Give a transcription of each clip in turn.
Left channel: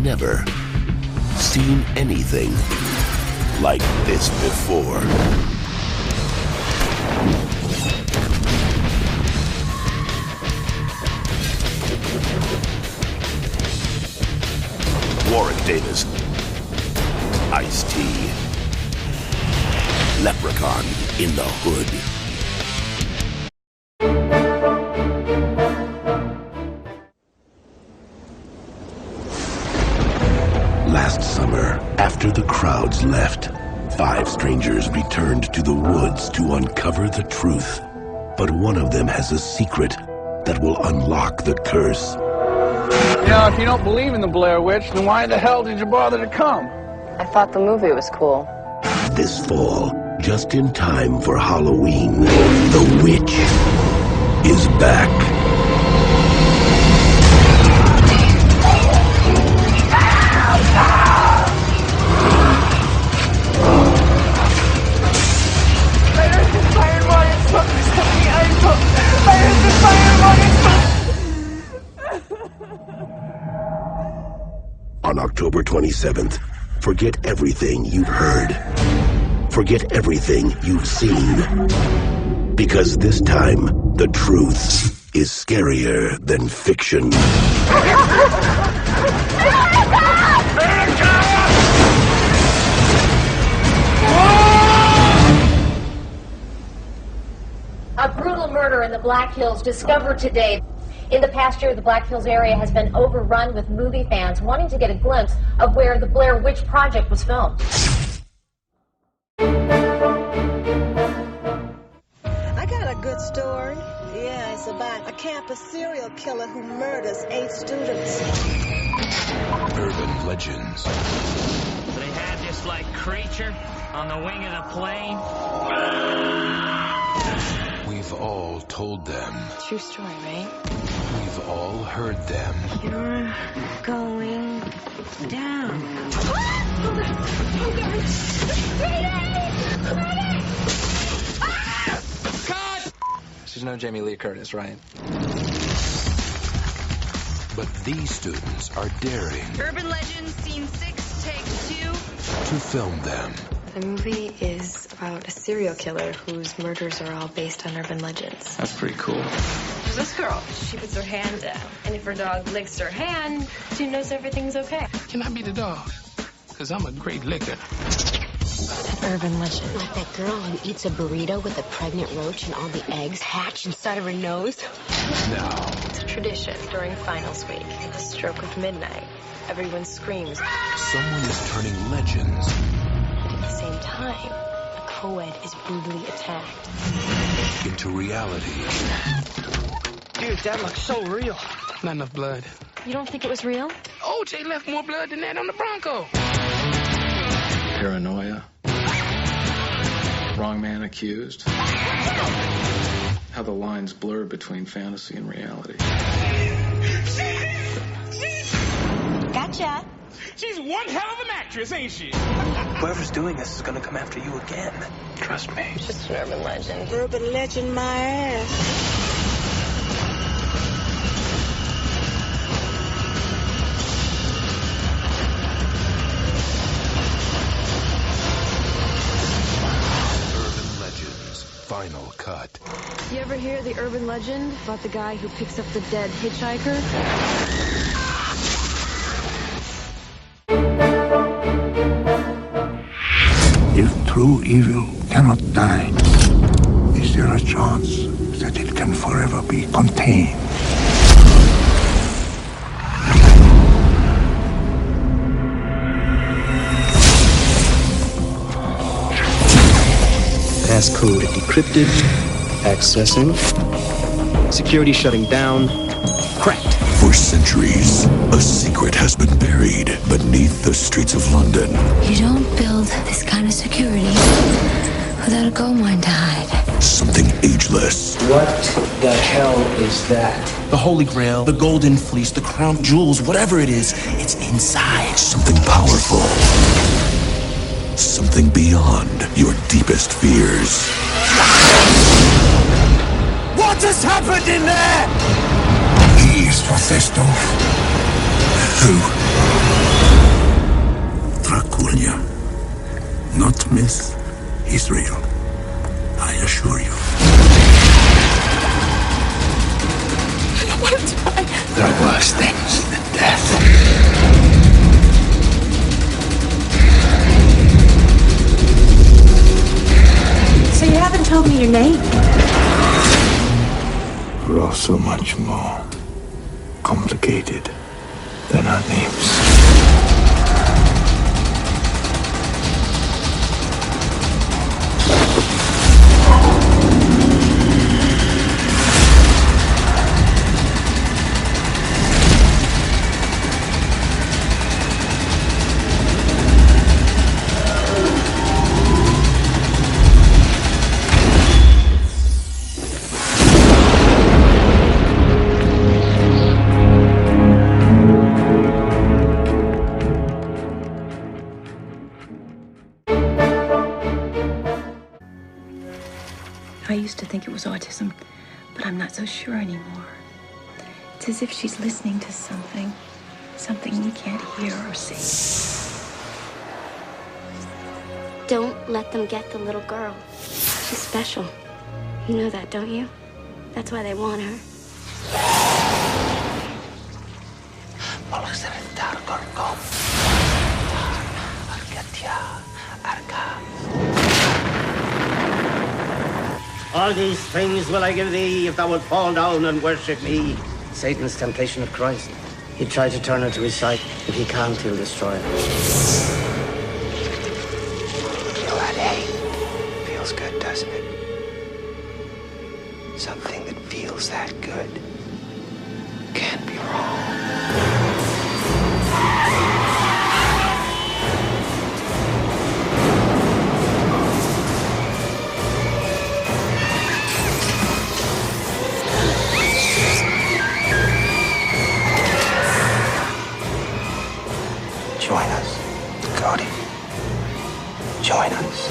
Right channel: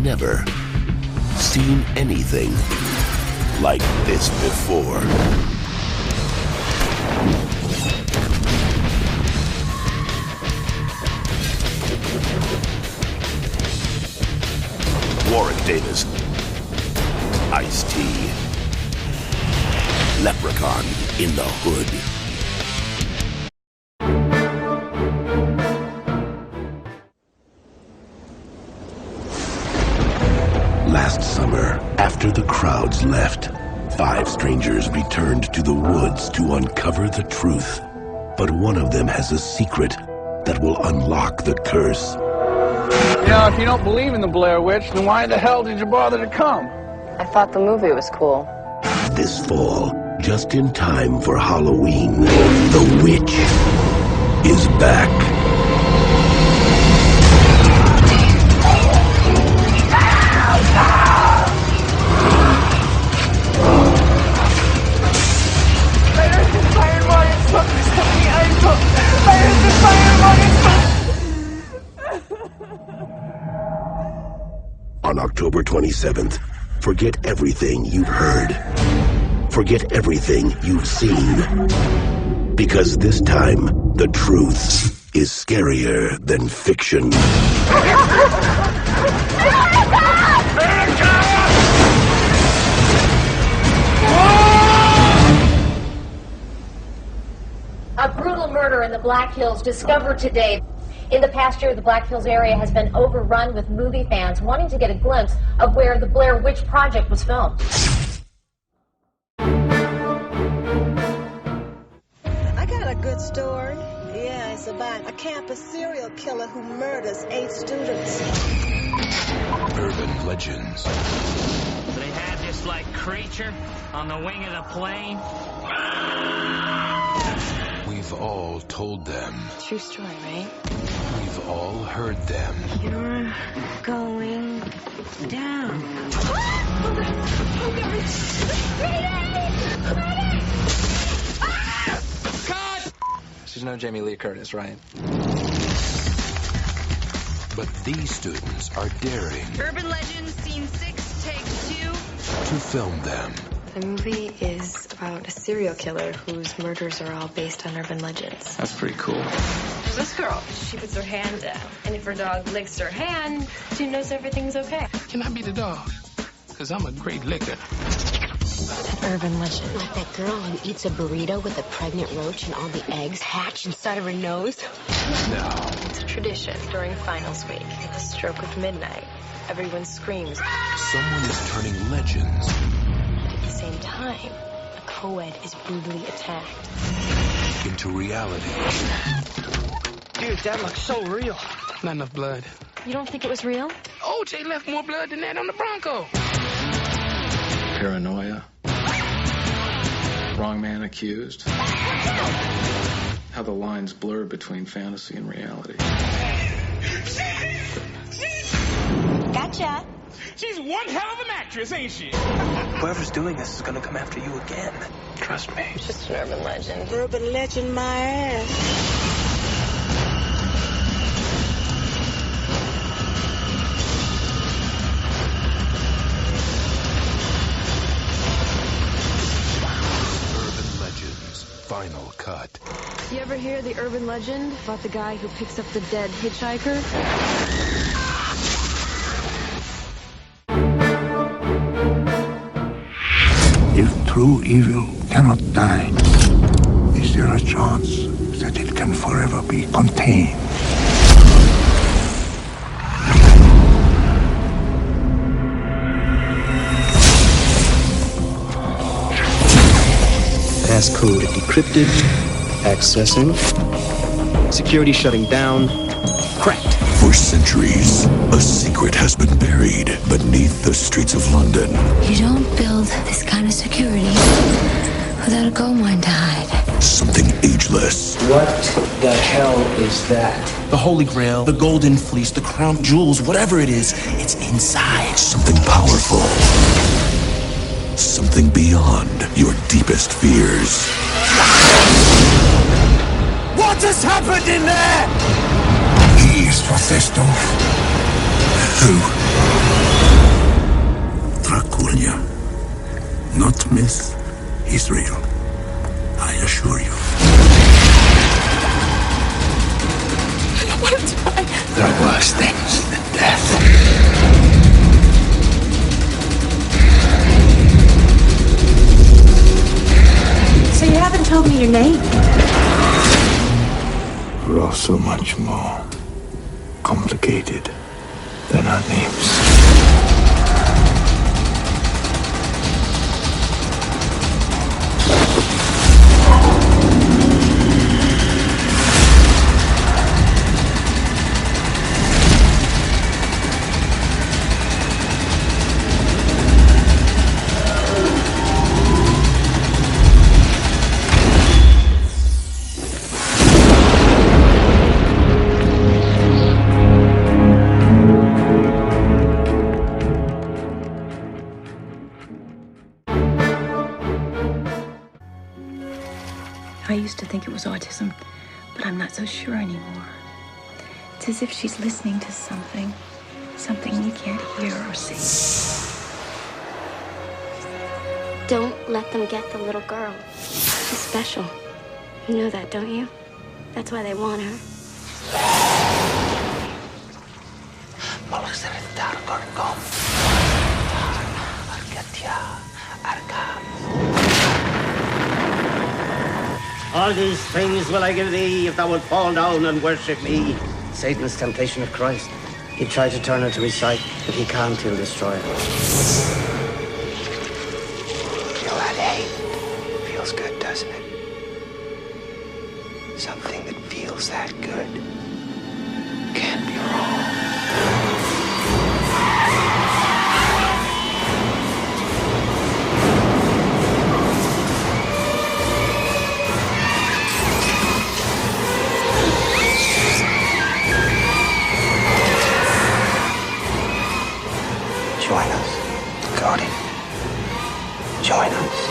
never seen anything like this before. Warwick Davis, Ice-T, Leprechaun in the Hood. Last summer, after the crowds left, 5 strangers returned to the woods to uncover the truth. But one of them has a secret that will unlock the curse. You know, if you don't believe in the Blair Witch, then why the hell did you bother to come? I thought the movie was cool. This fall, just in time for Halloween, the witch is back. On October 27th, forget everything you've heard. Forget everything you've seen. Because this time, the truth is scarier than fiction. A brutal murder in the Black Hills discovered today. In the past year, the Black Hills area has been overrun with movie fans wanting to get a glimpse of where the Blair Witch Project was filmed. I got a good story. Yeah, it's about a campus serial killer who murders 8 students. Urban legends. They had this, like, creature on the wing of the plane. We've all told them. True story, right? We've all heard them. You're going down. Oh, God. Cut! She's no Jamie Lee Curtis, right? But these students are daring Urban Legends, Scene 6, Take 2. to film them. The movie is about a serial killer whose murders are all based on urban legends. That's pretty cool. There's this girl. She puts her hand down. And if her dog licks her hand, she knows everything's okay. Can I be the dog? Because I'm a great licker. An urban legend. Like that girl who eats a burrito with a pregnant roach and all the eggs hatch inside of her nose. Now, It's a tradition during finals week. At the stroke of midnight, everyone screams. someone is turning legends At the same time, a co-ed is brutally attacked. into reality. Dude, that looks so real. Not enough blood. You don't think it was real? OJ left more blood than that on the Bronco. Paranoia. Wrong man accused. How the lines blur between fantasy and reality. Gotcha. She's one hell of an actress, ain't she? Whoever's doing this is gonna come after you again. Trust me. It's just an urban legend. Urban legend my ass. Urban legends. Final cut. You ever hear the urban legend about the guy who picks up the dead hitchhiker? If true evil cannot die, is there a chance that it can forever be contained? Passcode decrypted, accessing, security shutting down, cracked. For centuries, a secret has been buried beneath the streets of London. You don't build this kind of security without a gold mine to hide. Something ageless. What the hell is that? The Holy Grail, the Golden Fleece, the Crown Jewels, whatever it is, it's inside. Something powerful. Something beyond your deepest fears. What has happened in there? He is possessed of who? not myth, is real. I assure you. I don't want to die. There are worse things than death. So you haven't told me your name? We're all so much more complicated than our names. I used to think it was autism, but I'm not so sure anymore. It's as if she's listening to something we can't hear or see. Don't let them get the little girl. She's special. You know that, don't you? That's why they want her. All these things will I give thee if thou wilt fall down and worship me. Satan's temptation of Christ. He tried to turn her to his side. If he can't, he'll destroy her. Feel that hate? Feels good, doesn't it? Something that feels that good can't be wrong. Join us, Cody. Join us.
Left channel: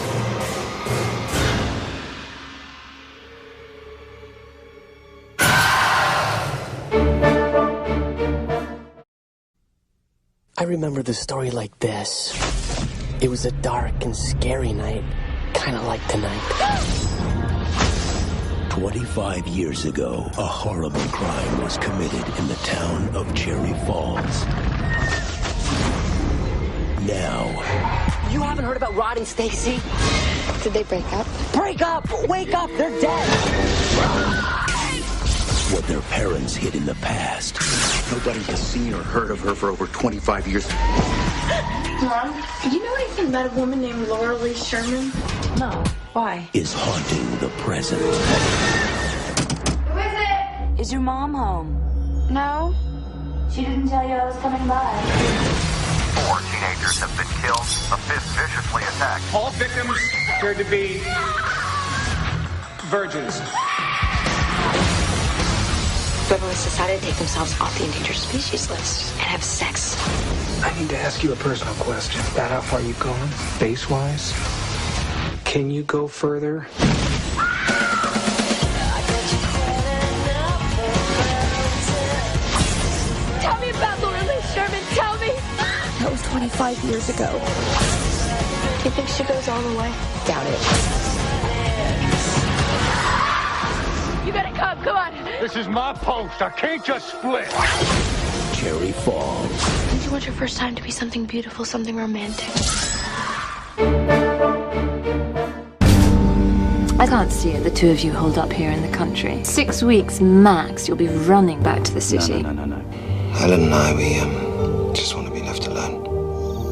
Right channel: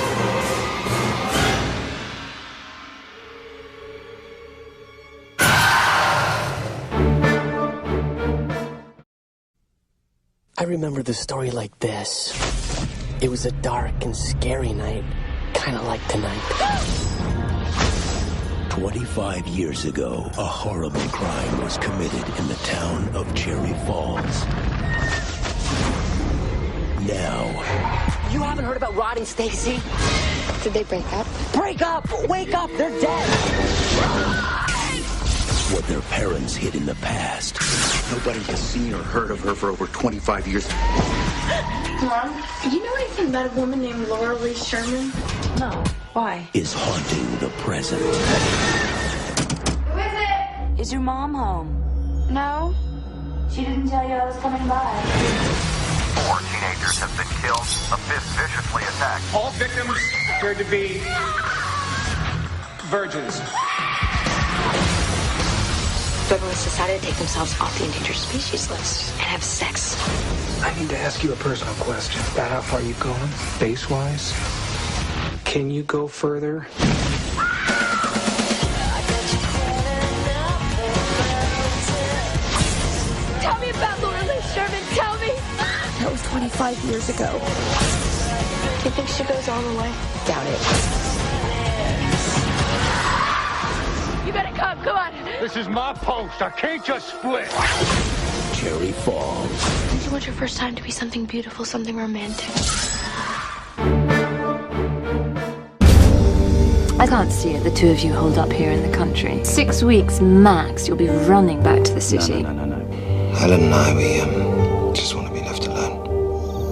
I remember the story like this. It was a dark and scary night, kind of like tonight. 25 years ago, a horrible crime was committed in the town of Cherry Falls. Now... You haven't heard about Rod and Stacy? Did they break up? Break up! Wake up! They're dead! What their parents hid in the past. Nobody has seen or heard of her for over 25 years. Mom, do you know anything about a woman named Laura Lee Sherman? No. Why? Is haunting the present. Who is it? Is your mom home? No. She didn't tell you I was coming by. 4 teenagers have been killed. A fifth viciously attacked. All victims appeared to be virgins. Federalists decided to take themselves off the endangered species list and have sex. I need to ask you a personal question. Is that how far you've gone, base-wise? Can you go further? Tell me about Laura Lee Sherman. Tell me. That was 25 years ago. Do you think she goes all the way? Doubt it. You better come. Come on. This is my post. I can't just split. Cherry Falls. Did you want your first time to be something beautiful, something romantic? I can't see it, the two of you holed up here in the country. 6 weeks max, you'll be running back to the city. No. Helen and I, we just want to be left alone.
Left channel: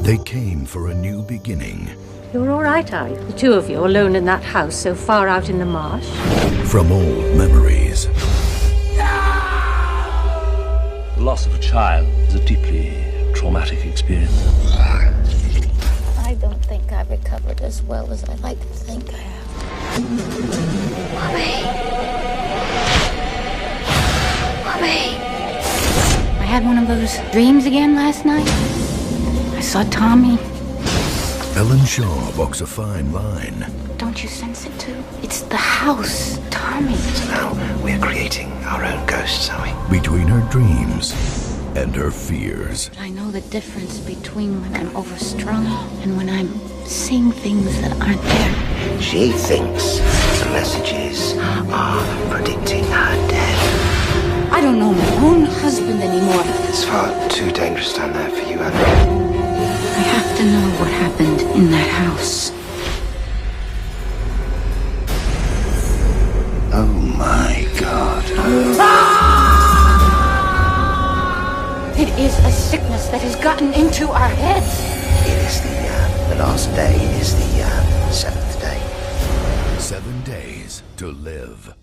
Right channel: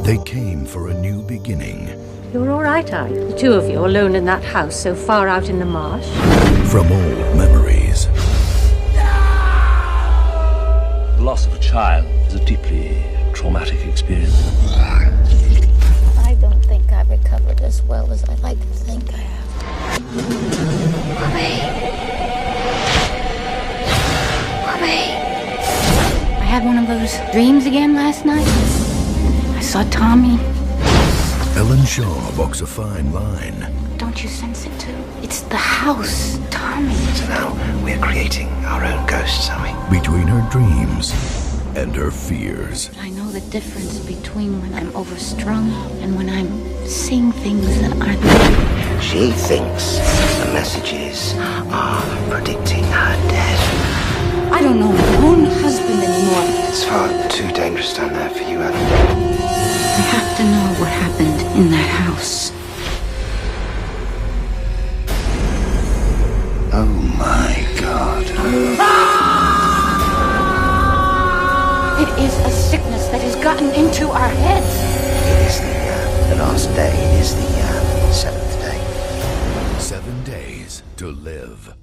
They came for a new beginning. You're all right, are you? The two of you alone in that house so far out in the marsh? From old memories. The loss of a child is a deeply traumatic experience. I don't think I've recovered as well as I'd like to think I have. Mommy! I had one of those dreams again last night. I saw Tommy. Ellen Shaw walks a fine line. Don't you sense it too? It's the house, Tommy. So now we're creating our own ghosts, are we? Between her dreams and her fears. I know the difference between when I'm overstrung and when I'm seeing things that aren't there. She thinks the messages are predicting her death. I don't know my own husband anymore. It's far too dangerous down there for you, Adam. I have to know what happened in that house. Oh my God. It is a sickness that has gotten into our heads. It is the last day. It is the 7th day. 7 days to live.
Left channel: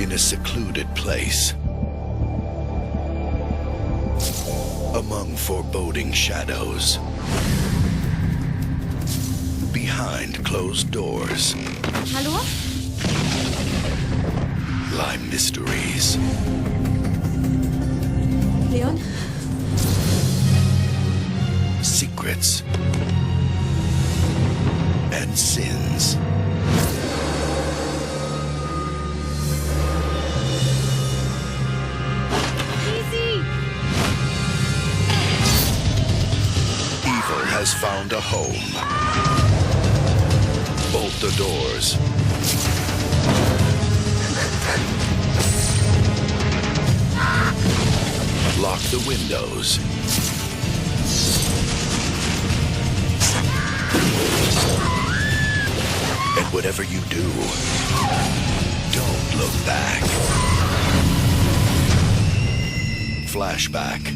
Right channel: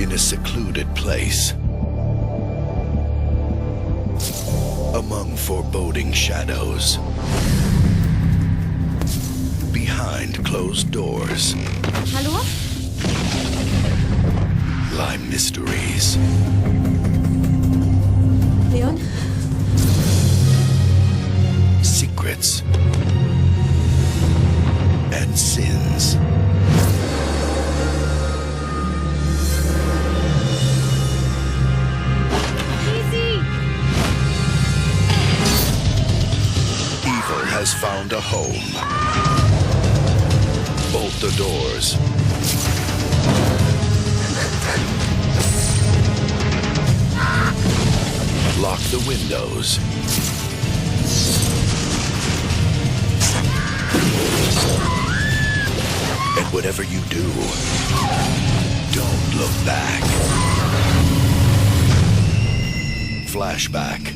In a secluded place, among foreboding shadows, behind closed doors, Hallo? lie mysteries. Leon? Secrets and sins. Evil has found a home. Bolt the doors. Lock the windows. And whatever you do, don't look back. Flashback.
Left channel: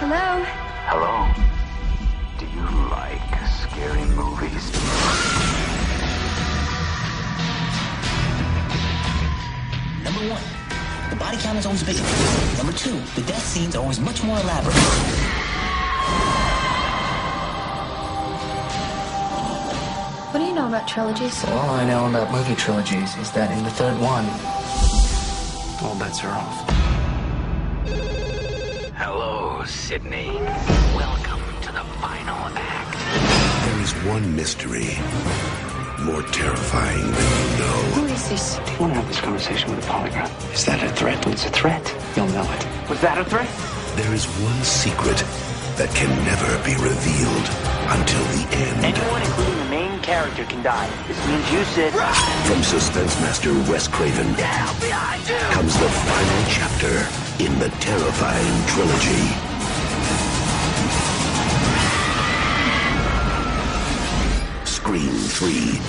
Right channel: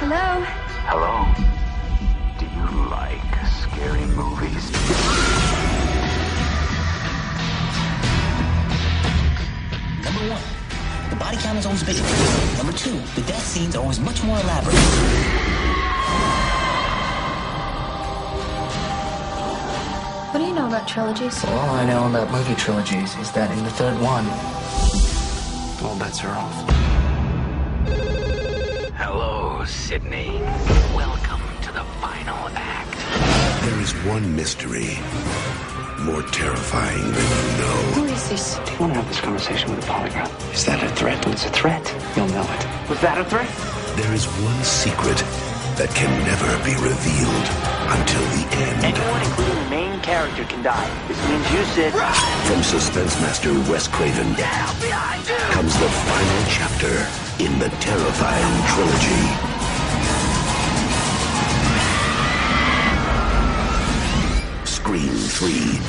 Hello? Hello? Do you like scary movies? Number 1, the body count is always bigger. Number 2, the death scenes are always much more elaborate. What do you know about trilogies? All I know about movie trilogies is that in the third one, all bets are off. Hello, Sydney. Welcome to the final act. There is one mystery more terrifying than you know. Who is this? Do you want to have this conversation with a polygraph? Is that a threat? When it's a threat, you'll know it. Was that a threat? There is one secret that can never be revealed until the end. Anyone, including the main character, can die. This means you, Sid. From suspense master Wes Craven comes the final chapter in the terrifying trilogy. Scream 3.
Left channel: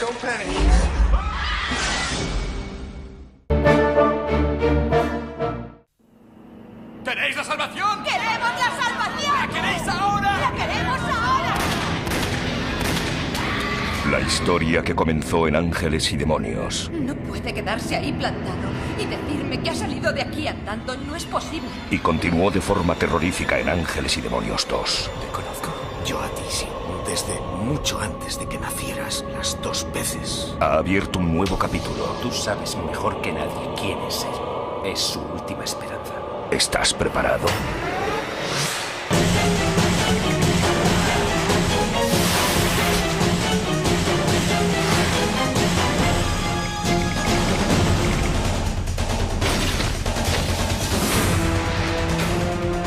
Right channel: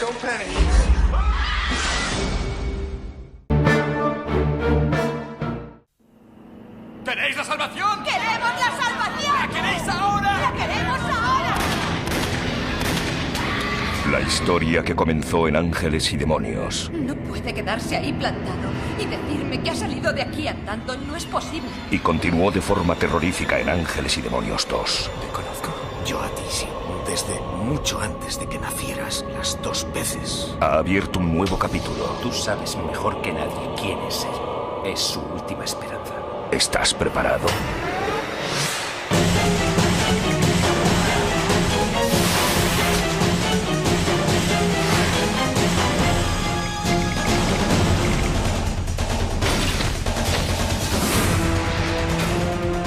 Don't panic. ¿Queréis la salvación? ¡Queremos la salvación! ¿La queréis ahora? ¡La queremos ahora! La historia que comenzó en Ángeles y Demonios. No puede quedarse ahí plantado y decirme que ha salido de aquí andando. No es posible. Y continuó de forma terrorífica en Ángeles y Demonios 2. Te conozco. Yo a ti sí. Desde mucho antes de que nacieras, las 2 veces. Ha abierto un nuevo capítulo. Tú sabes mejor que nadie quién es él. Es su última esperanza. ¿Estás preparado?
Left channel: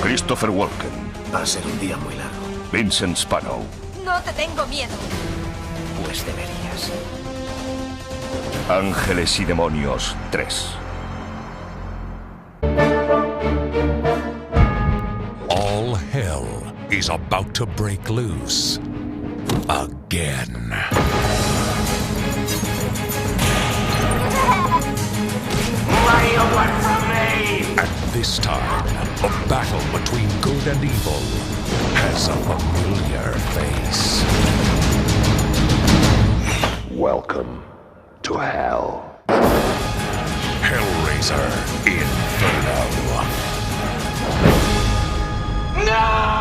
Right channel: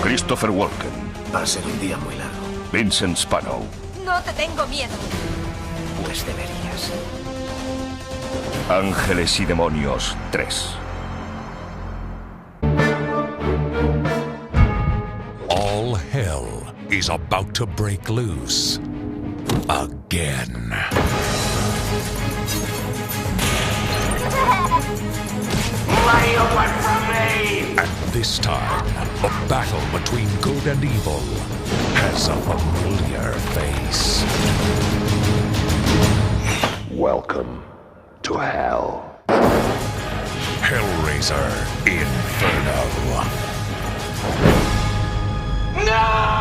Christopher Walken. Va a ser un día muy largo. Vincent Spano. No te tengo miedo. Pues deberías. Ángeles y Demonios 3. All hell is about to break loose again. What do you want from me? And this time, the battle between good and evil has a familiar face. Welcome to hell. Hellraiser Inferno. No!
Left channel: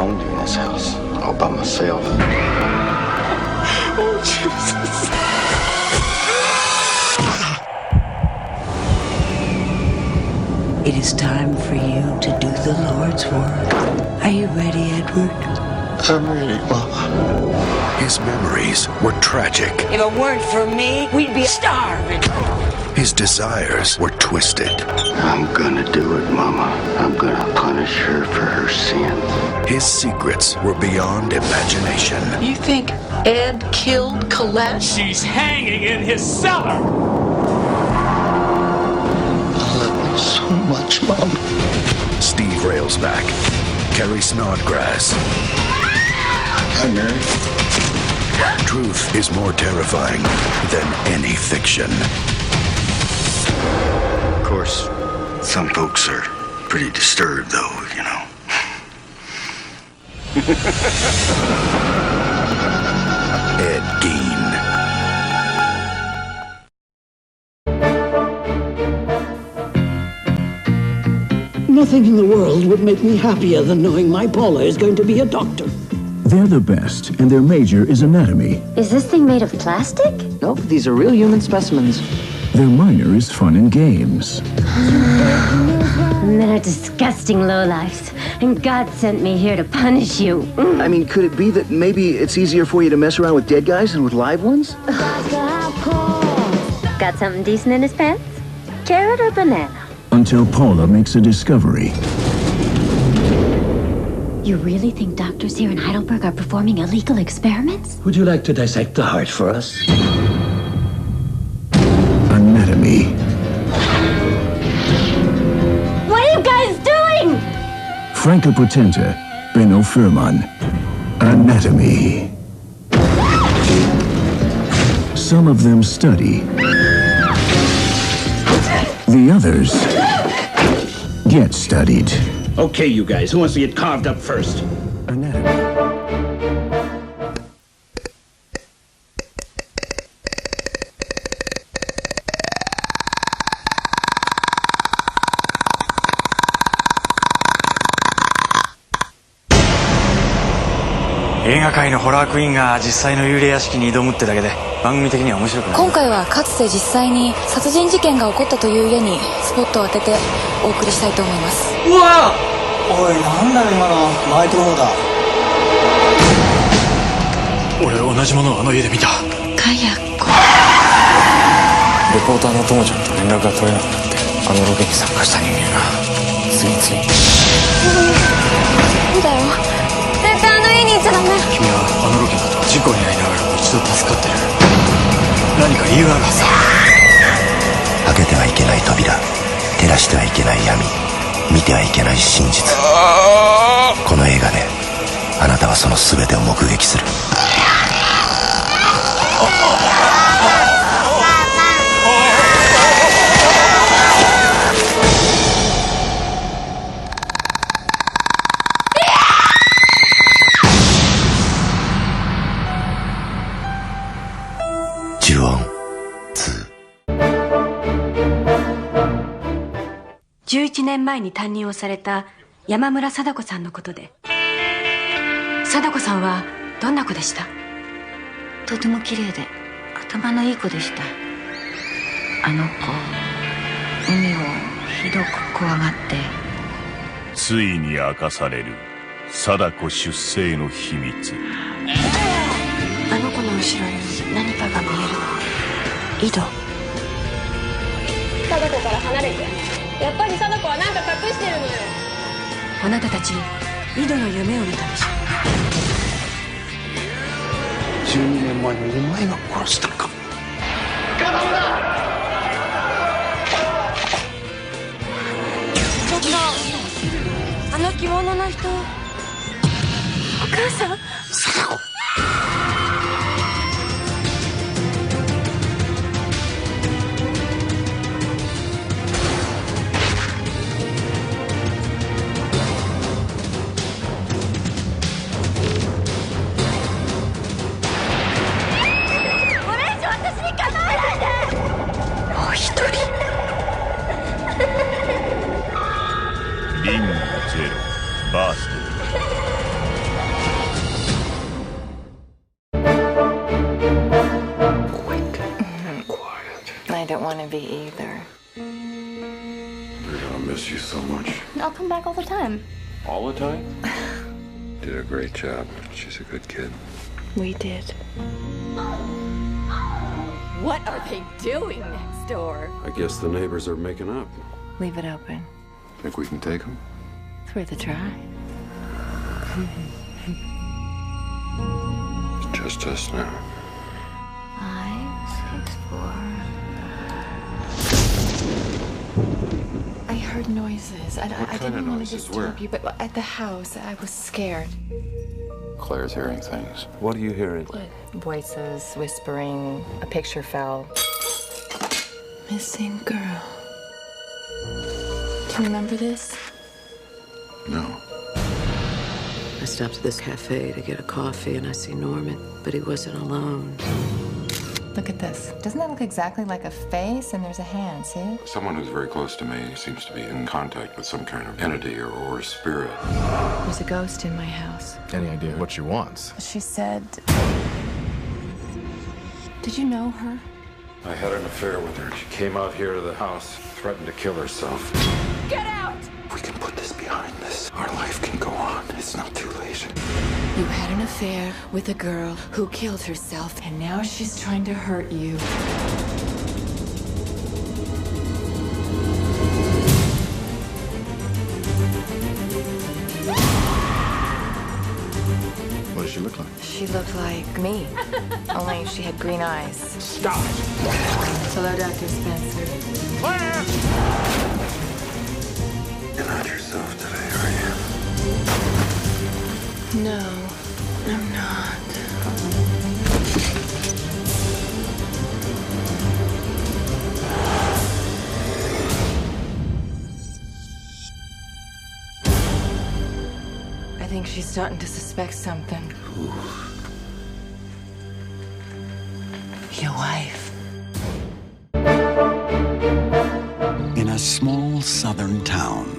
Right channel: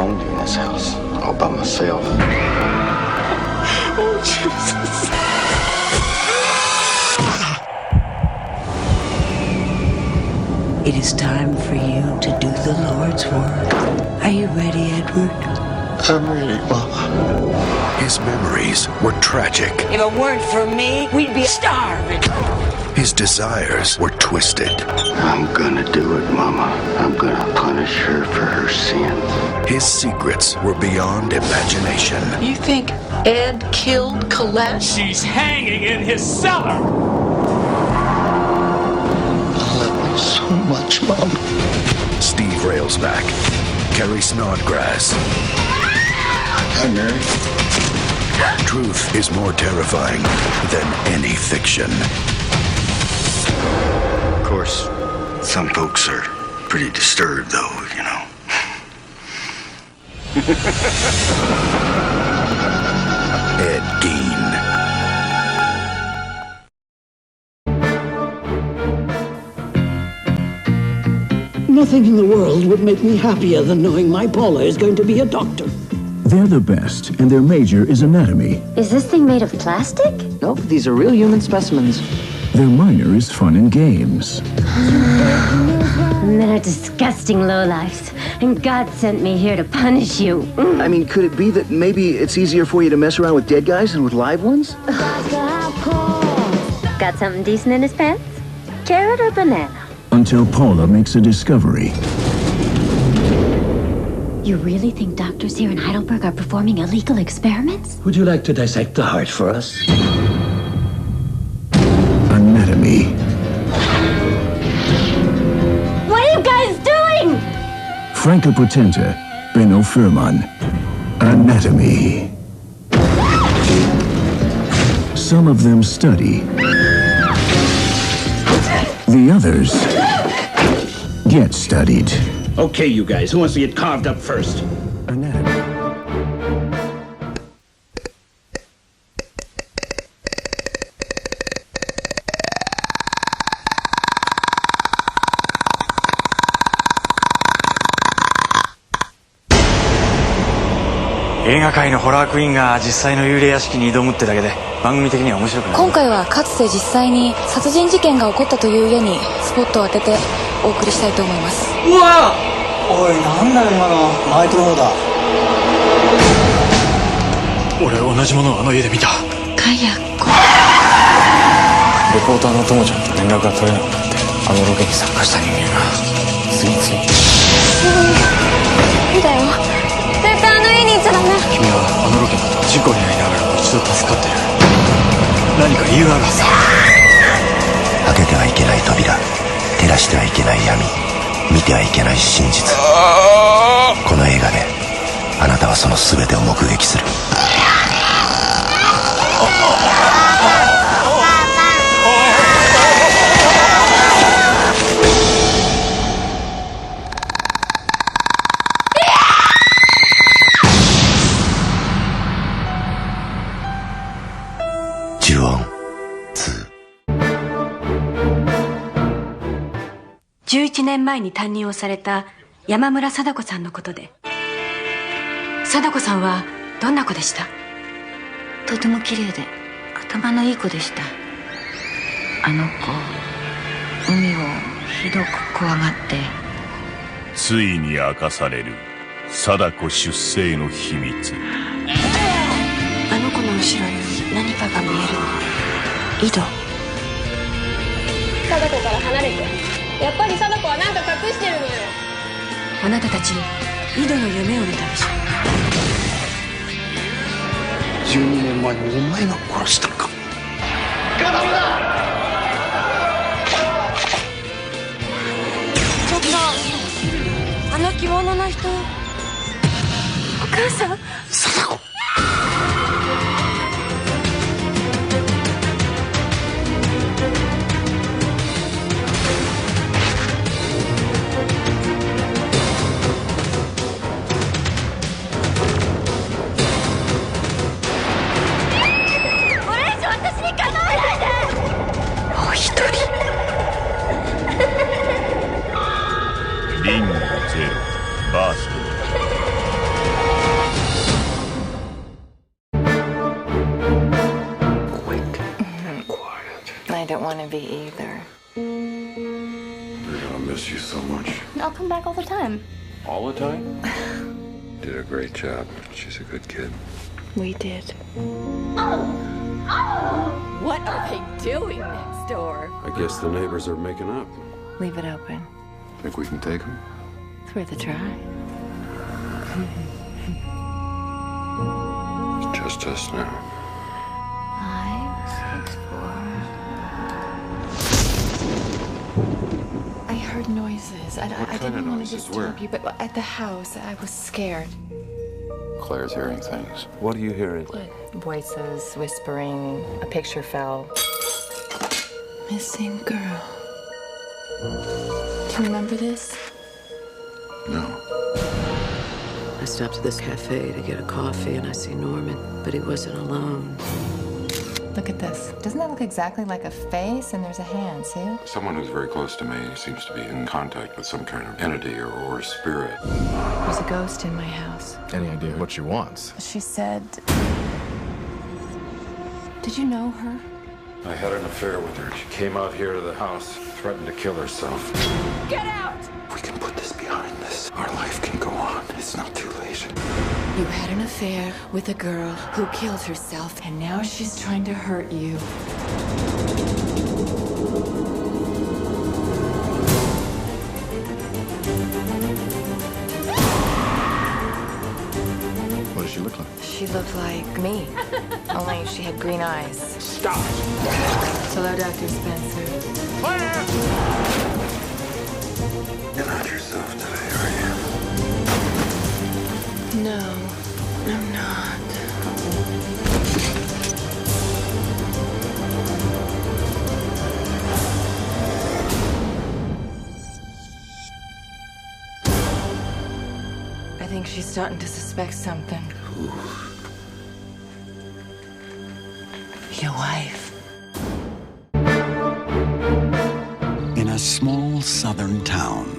lonely in this house, all by myself. Oh, Jesus. It is time for you to do the Lord's work. Are you ready, Edward? I'm ready, Mama. His memories were tragic. If it weren't for me, we'd be starving. His desires were twisted. I'm gonna do it, Mama. I'm gonna punish her for her sins. His secrets were beyond imagination. You think Ed killed Colette? She's hanging in his cellar. So much, Mom. Steve Railsback, Carrie Snodgrass. Hi, Mary. Truth is more terrifying than any fiction. Of course, some folks are pretty disturbed, though, you know. Ed Gein. Nothing in the world would make me happier than knowing my Paula is going to be a doctor. They're the best, and their major is anatomy. Is this thing made of plastic? Nope, these are real human specimens. Their minor is fun and games. Men are disgusting lowlifes, and God sent me here to punish you. I mean, could it be that maybe it's easier for you to mess around with dead guys than with live ones? Got something decent in his pants? Carrot or banana? Until Paula makes a discovery. You really think doctors here in Heidelberg are performing illegal experiments? Would you like to dissect the heart for us? Anatomy. What are you guys doing? Franka Potenta, Benno Furman. Anatomy. Some of them study. The others get studied. Okay, you guys, who wants to get carved up first? Anatomy.映画界のホラークイーンが実際の幽霊屋敷に挑むってだけで番組的には面白くない。今回はかつて実際に殺人事件が起こったという家にスポットを当ててお送りしたいと思います。うわおい、なんだよ今の。マイクロフォーだ。俺同じものをあの家で見た。カヤコ。レポーターのともちゃんと連絡が取れなくなって、あのロケに参加した人間が次々。そうだよ。絶対あの家に行っちゃダメ。君はあのロケの後事故に遭いながらも一度助かってる。何か理由があるはずだ。開けてはいけない扉、照らしてはいけない闇、見てはいけない真実。この映画であなたはその全てを目撃する。呪音2。11年前に担任をされた山村貞子さんのことで。貞子さんはどんな子でした？とても綺麗で頭のいい子でした。あの子、海をひどく怖がって。ついに明かされる貞子出生の秘密。あの子の後ろに何かが見えるの。井戸。貞子から離れて。やっぱり貞子は何か隠してるのよ。あなたたち井戸の夢を見たでしょ。12年前にお前が殺したのか。ガダムだ。ちょっと、あの着物の人。お母さん。貞子。リングゼロバースト。don't want to be either. We're gonna miss you so much. I'll come back all the time. All the time? Did a great job. She's a good kid. We did. What are they doing next door? I guess the neighbors are making up. Leave it open. Think we can take them? It's worth a try. It's just us now. 5, 6, 4. I heard noises. I didn't want to disturb you, but at the house, I was scared. Claire's hearing things. What are you hearing? Voices, whispering. A picture fell. Missing girl. Do you remember this? No. I stopped at this cafe to get a coffee, and I see Norman, but he wasn't alone. Look at this. Doesn't that look exactly like a face? And there's a hand, see it? Someone who's very close to me seems to be in contact with some kind of entity or spirit. There's a ghost in my house. Any idea what she wants? She said... Did you know her? I had an affair with her. She came out here to the house, threatened to kill herself. Get out! We can put this behind us. Our life can go on. It's not too late. You had an affair with a girl who killed herself, and now she's trying to hurt you. What does she look like? She looked like me, only she had green eyes. Stop! Hello, Dr. Spencer. Claire! You're not yourself today, are you? No, I'm not. I think she's starting to suspect something. Your wife. In a small southern town.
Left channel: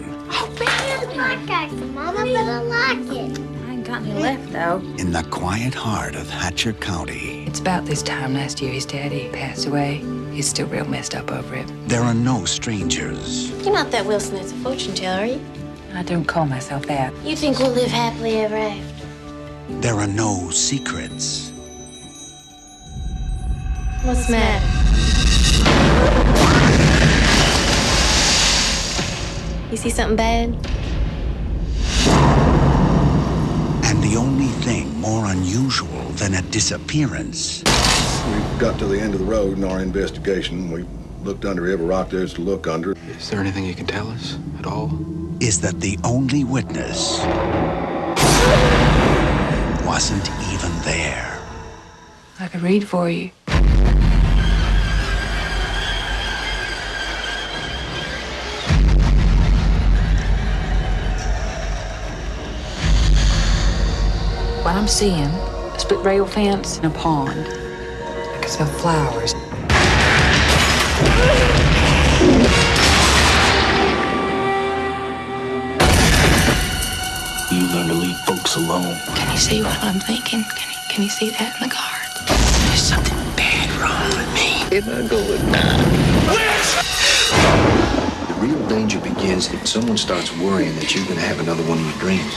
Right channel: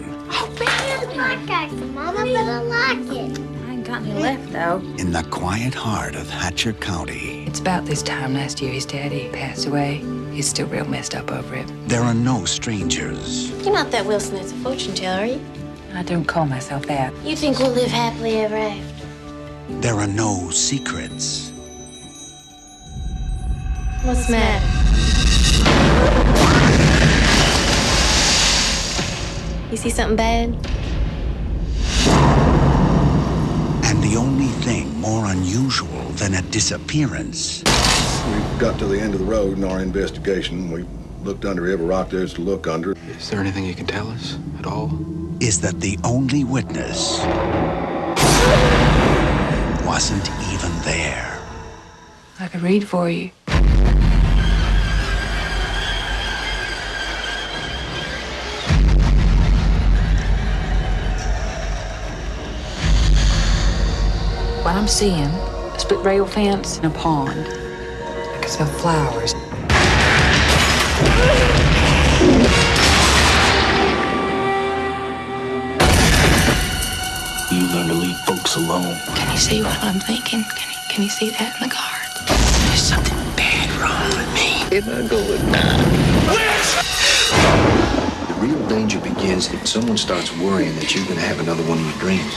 Mama, but I like it. I ain't got any left, though. In the quiet heart of Hatcher County. It's about this time last year his daddy passed away. He's still real messed up over it. There are no strangers. You're not that Wilson that's a fortune teller, are you? I don't call myself that. You think we'll live happily ever after? There are no secrets. What's the matter? You see something bad? And the only thing more unusual than a disappearance. We got to the end of the road in our investigation. We looked under every rock there is to look under. Is there anything you can tell us at all? Is that the only witness wasn't even there. I could read for you. What I'm seeing, a split rail fence and a pond. I can smell flowers. You learn to leave folks alone. Can you see what I'm thinking? Can you see that in the cards? There's something bad wrong with me. If I go with The real danger begins if someone starts worrying that you're going to have another one of your dreams.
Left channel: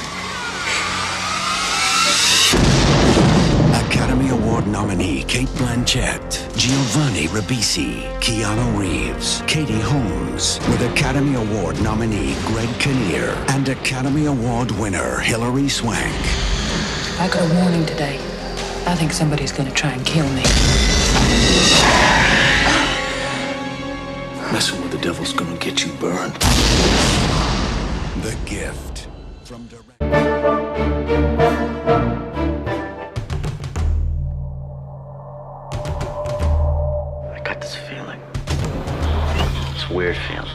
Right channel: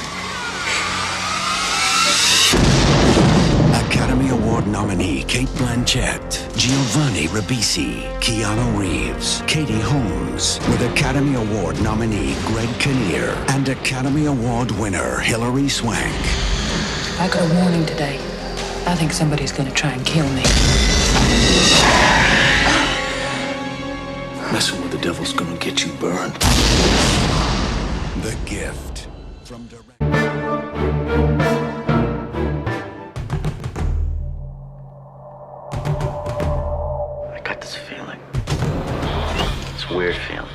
Academy Award nominee Cate Blanchett, Giovanni Ribisi, Keanu Reeves, Katie Holmes, with Academy Award nominee Greg Kinnear and Academy Award winner Hilary Swank. I got a warning today. I think somebody's gonna try and kill me. Messing with the devil's gonna get you burned. The Gift. From director. This feeling. It's a weird feeling.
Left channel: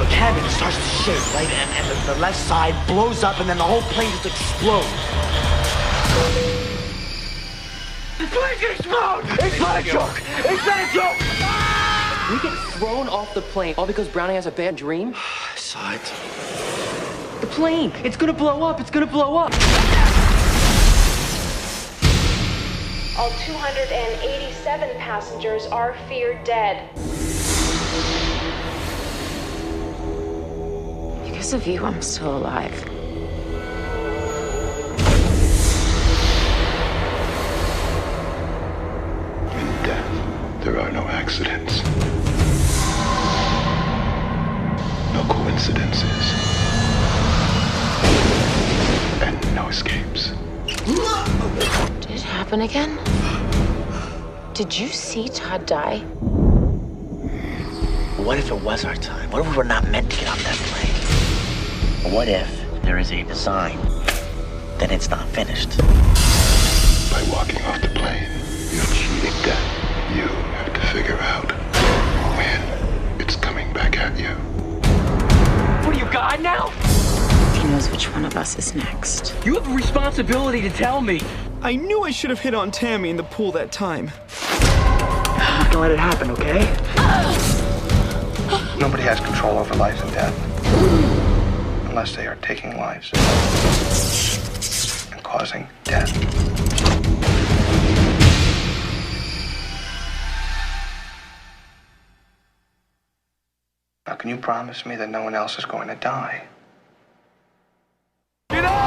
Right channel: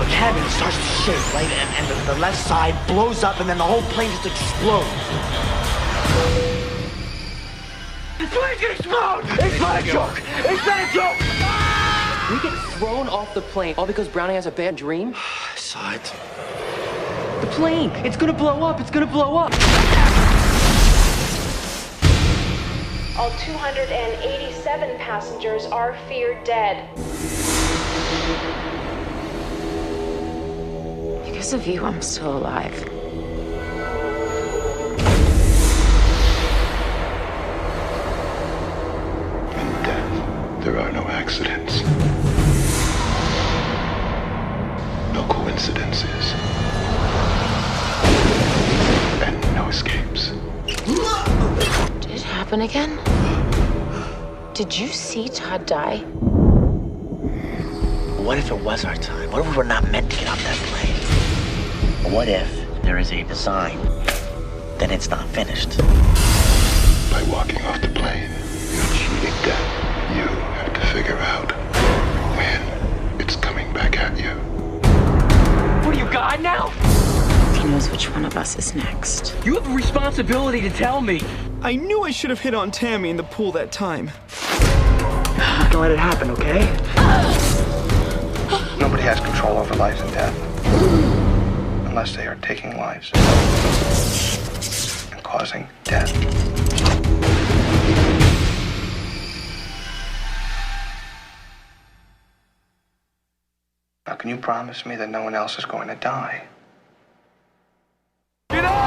The cabin starts to shake, right? And the left side blows up, and then the whole plane just explodes. The plane's gonna explode! It's not a joke! It's not a joke! We get thrown off the plane all because Brownie has a bad dream? I saw it. The plane! It's gonna blow up! It's gonna blow up! All 287 passengers are feared dead. Because of you, I'm still alive. In death, there are no accidents. No coincidences. And no escapes. Did it happen again? Did you see Todd die? What if it was our time? What if we were not meant to get off that plane? What if there is a design that it's not finished? By walking off the plane, you're cheating death. You have to figure out when it's coming back at you. What are you, God now? He knows which one of us is next. You have a responsibility to tell me. I knew I should have hit on Tammy in the pool that time. I'm not gonna let it happen, okay? Nobody has control over life and death. Unless they are taking lives and causing death. Now, can you promise me that no one else is going to die? Get out!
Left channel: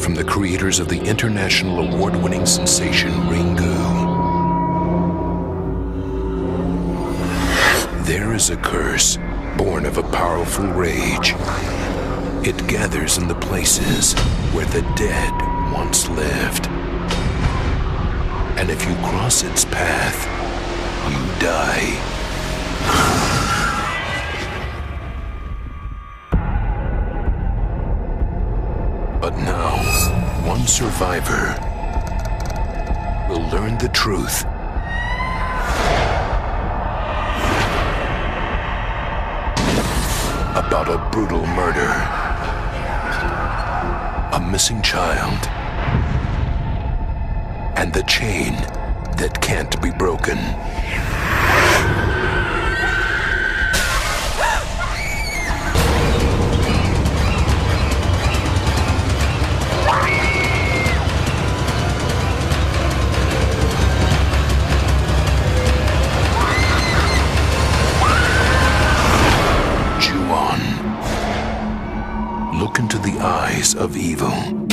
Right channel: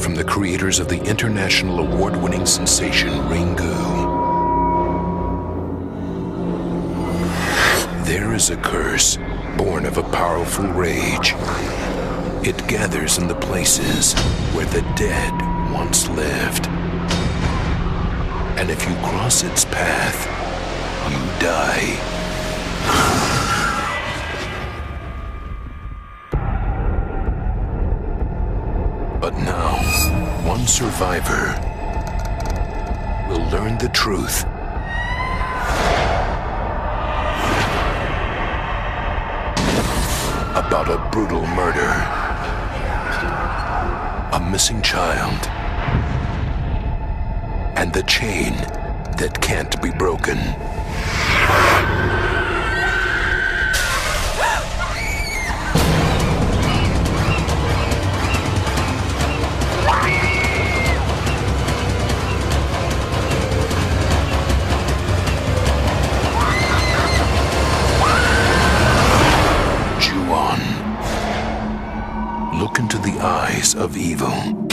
From the creators of the international award-winning sensation Ringu, there is a curse born of a powerful rage. It gathers in the places where the dead once lived. And if you cross its path, you die. But now, one survivor will learn the truth about a brutal murder, a missing child, and the chain that can't be broken. Look into the eyes of evil.